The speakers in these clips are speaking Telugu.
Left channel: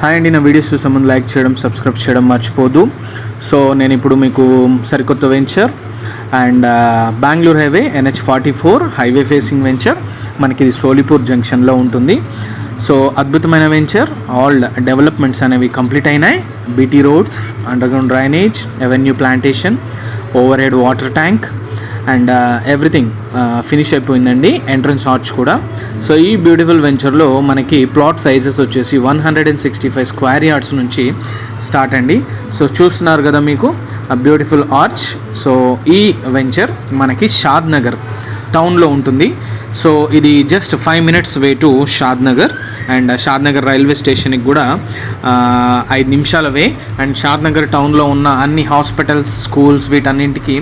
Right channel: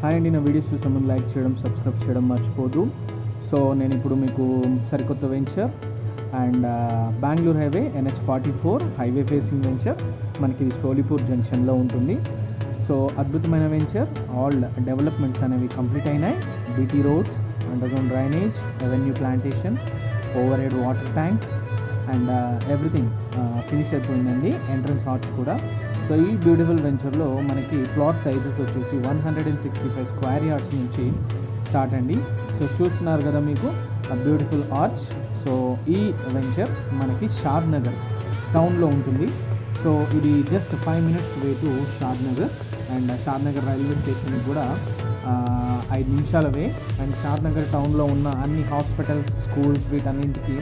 హాయ్ అండి, నా వీడియోస్ చూసే ముందు లైక్ చేయడం, సబ్స్క్రైబ్ చేయడం మర్చిపోదు. సో నేను ఇప్పుడు మీకు సరికొత్త venture and Bengaluru highway NH44 highway facing venture, మనకి ఇది సోలిపూర్ జంక్షన్లో ఉంటుంది. సో అద్భుతమైన వెంచర్. ఆల్ డెవలప్మెంట్స్ అనేవి కంప్లీట్ అయినాయి. BT roads, underground drainage, avenue plantation, over head water tank and everything finish అయిపోయిందండి. ఎంట్రన్స్ ఆర్చ్ కూడా. సో ఈ బ్యూటిఫుల్ వెంచర్లో మనకి ప్లాట్ సైజెస్ వచ్చేసి 165 స్క్వేర్ యార్డ్స్ నుంచి స్టార్ట్ అండి. సో చూస్తున్నారు కదా మీకు బ్యూటిఫుల్ ఆర్చ్. సో ఈ వెంచర్ మనకి షాద్ నగర్ టౌన్లో ఉంటుంది. సో ఇది just 5 minutes way to Shad Nagar. And Shad Nagar railway స్టేషన్కి కూడా 5 నిమిషాల వే. అండ్ షాద్ నగర్ టౌన్లో ఉన్న అన్ని హాస్పిటల్స్, స్కూల్స్ వీటన్నింటికి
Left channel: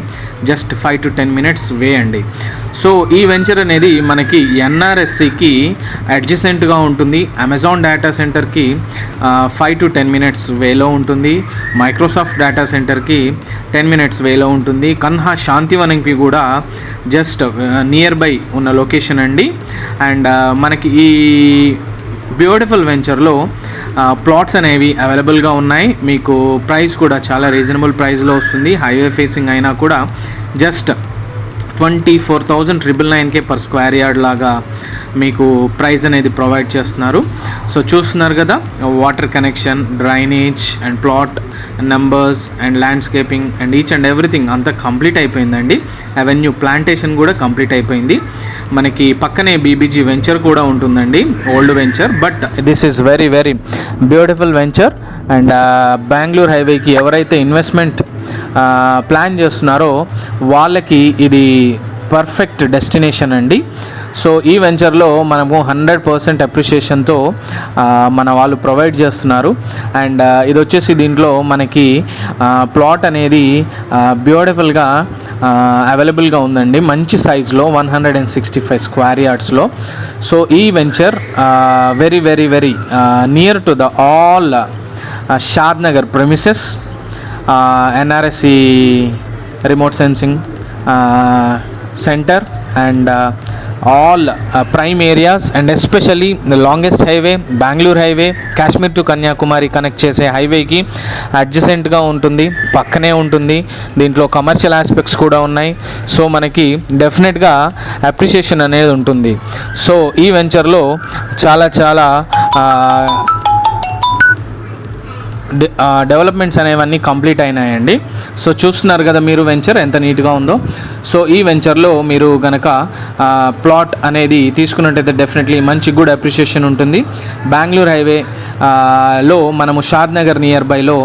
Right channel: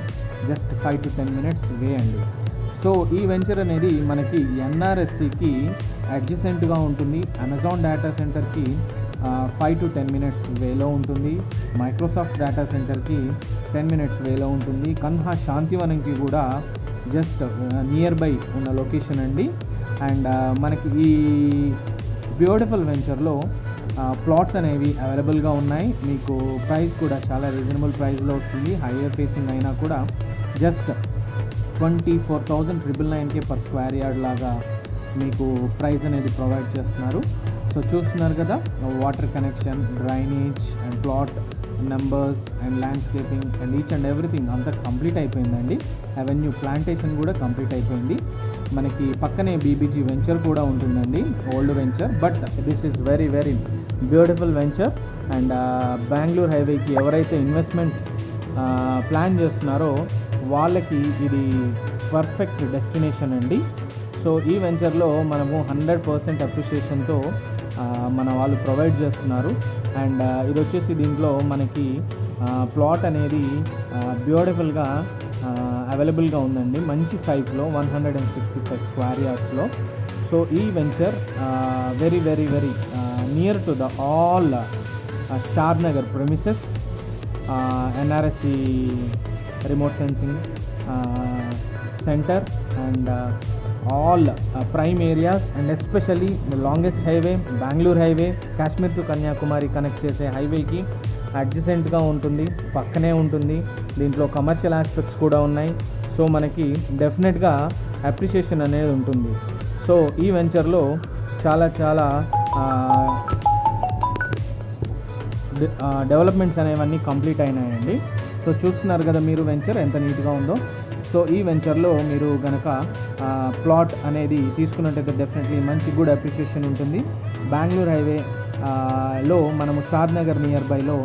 జస్ట్ 5 to 10 minutes వే అండి. సో ఈ వెంచర్ అనేది మనకి NRSCకి అడ్జసెంట్గా ఉంటుంది. అమెజాన్ డేటా సెంటర్కి 5 to 10 minutes వేలో ఉంటుంది. మైక్రోసాఫ్ట్ డేటా సెంటర్కి 10 minutes వేలో ఉంటుంది. కన్హా శాంతివనంకి కూడా జస్ట్ నియర్ బై ఉన్న లొకేషన్ అండి. అండ్ మనకి ఈ బ్యూటిఫుల్ వెంచర్లో ప్లాట్స్ అనేవి అవైలబుల్గా ఉన్నాయి. మీకు ప్రైస్ కూడా చాలా రీజనబుల్ ప్రైస్లో వస్తుంది. హైవే ఫేసింగ్ అయినా కూడా జస్ట్ 24,999 పర్ స్క్వేర్ యార్డ్ లాగా మీకు ప్రైస్ అనేది ప్రొవైడ్ చేస్తున్నారు. సో చూస్తున్నారు కదా, water connection, drainage and plot numbers and landscaping and each and everything అంతా కంప్లీట్ అయిపోయిందండి. అవెన్యూ ప్లాంటేషన్ కూడా కంప్లీట్ అయిపోయింది. మనకి పక్కనే BBG వెంచర్ కూడా ఉంటుందండి, old venture. But this is very very beautiful venture. And Bengaluru హైవేకి ఎవరైతే ఇన్వెస్ట్మెంట్ ప్లాన్ చేస్తున్నారో వాళ్ళకి ఇది పర్ఫెక్ట్ డెస్టినేషన్ అండి. సో ఈ వెంచర్లో మనము 100% అప్రిషియేషన్తో మన వాళ్ళు ప్రొవైడ్ చేస్తున్నారు. అండ్ ఇది వచ్చేసి దీంట్లో మనకి ప్లాట్ అనేది బ్యూటిఫుల్గా అవైలబుల్గా ఉందండి. మంచి సైజులో 165 స్క్వేర్ యార్డ్స్లో. సో ఈ venture very very very near to the all Shad Nagar premises, NRSC remote sensing centre and all prime areas and especially the longest highway, Bangalore highway, Kashmir to Kanyakumari connect చేసే హైవేకి అడ్జసెంట్గా ఉంటుంది, పక్కనే ఉంటుంది. దీంట్లో కమర్షియల్ ఆస్పెక్ట్స్ కూడా ఉన్నాయి. సో మనకి డెఫినెట్గా అప్రిషియేషన్ అనేది ఉంటుంది. సో ఈ వెంచర్లో చాలా చాలా డెవలప్మెంట్స్ అనేవన్నీ కంప్లీట్ అయినాయండి. సో చూస్తున్నారు కదా మీరు వెంచర్ ఎంత నీట్గా ఉందో. సో ఈ వెంచర్లో మీరు కనుక ప్లాట్ అనేది తీసుకున్నట్టయితే డెఫినెట్లీ మంచి గుడ్ అప్రిషియేషన్ ఉంటుంది. బెంగళూరు హైవే లో మనము షాద్ నగర్ నియర్ బైలో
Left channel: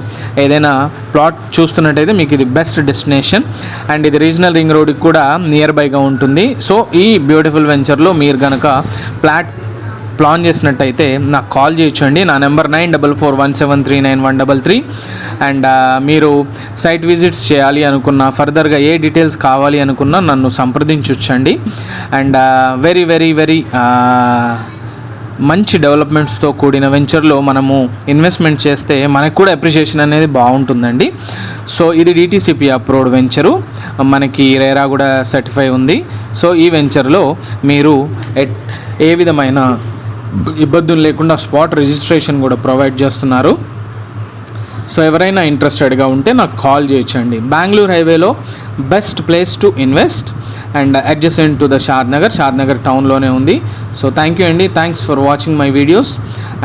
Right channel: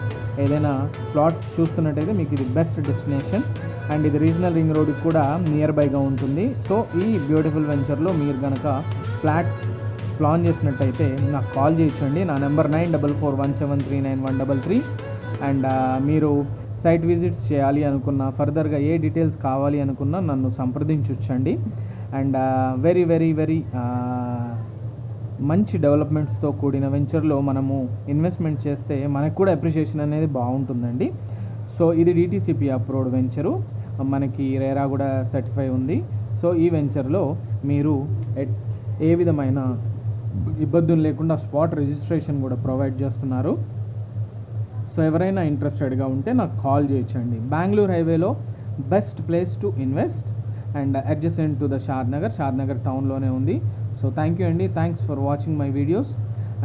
ఏదైనా ప్లాట్ చూస్తున్నట్టయితే మీకు ఇది బెస్ట్ డెస్టినేషన్. అండ్ ఇది రీజనల్ రింగ్ రోడ్కి కూడా నియర్ బైగా ఉంటుంది. సో ఈ బ్యూటిఫుల్ వెంచర్లో మీరు కనుక ప్లాన్ చేసినట్టయితే నాకు కాల్ చేయొచ్చండి. నా నెంబర్ 9441739133. అండ్ మీరు సైట్ విజిట్స్ చేయాలి అనుకున్నా, ఫర్దర్గా ఏ డీటెయిల్స్ కావాలి అనుకున్నా నన్ను సంప్రదించవచ్చండి. అండ్ వెరీ వెరీ వెరీ మంచి డెవలప్మెంట్స్తో కూడిన వెంచర్లో మనము ఇన్వెస్ట్మెంట్ చేస్తే మనకు కూడా అప్రిషియేషన్ అనేది బాగుంటుందండి. సో ఇది DTCP అప్రూవ్డ్ వెంచరు, మనకి రేరా కూడా సర్టిఫై ఉంది. సో ఈ వెంచర్లో మీరు ఏ విధమైన ఇబ్బందులు లేకుండా స్పాట్ రిజిస్ట్రేషన్ కూడా ప్రొవైడ్ చేస్తున్నారు. సో ఎవరైనా ఇంట్రెస్టెడ్గా ఉంటే నాకు కాల్ చేయొచ్చండి. బెంగళూరు హైవేలో best place to invest and adjacent to the Shadnagar టౌన్లోనే ఉంది. సో థ్యాంక్ యూ అండి. Thanks for watching my videos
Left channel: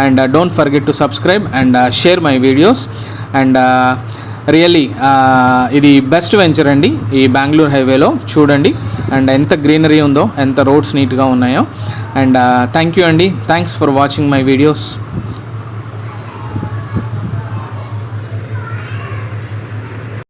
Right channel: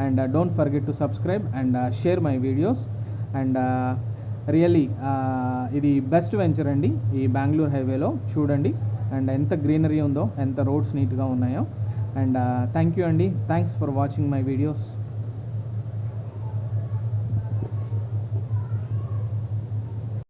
and don't forget to subscribe and share my videos. And really ఇది బెస్ట్ వెంచర్ అండి ఈ బెంగళూరు హైవేలో. చూడండి అండ్ ఎంత గ్రీనరీ ఉందో, ఎంత రోడ్స్ నీట్గా ఉన్నాయో. అండ్ థ్యాంక్ యూ అండి. Thanks for watching my videos.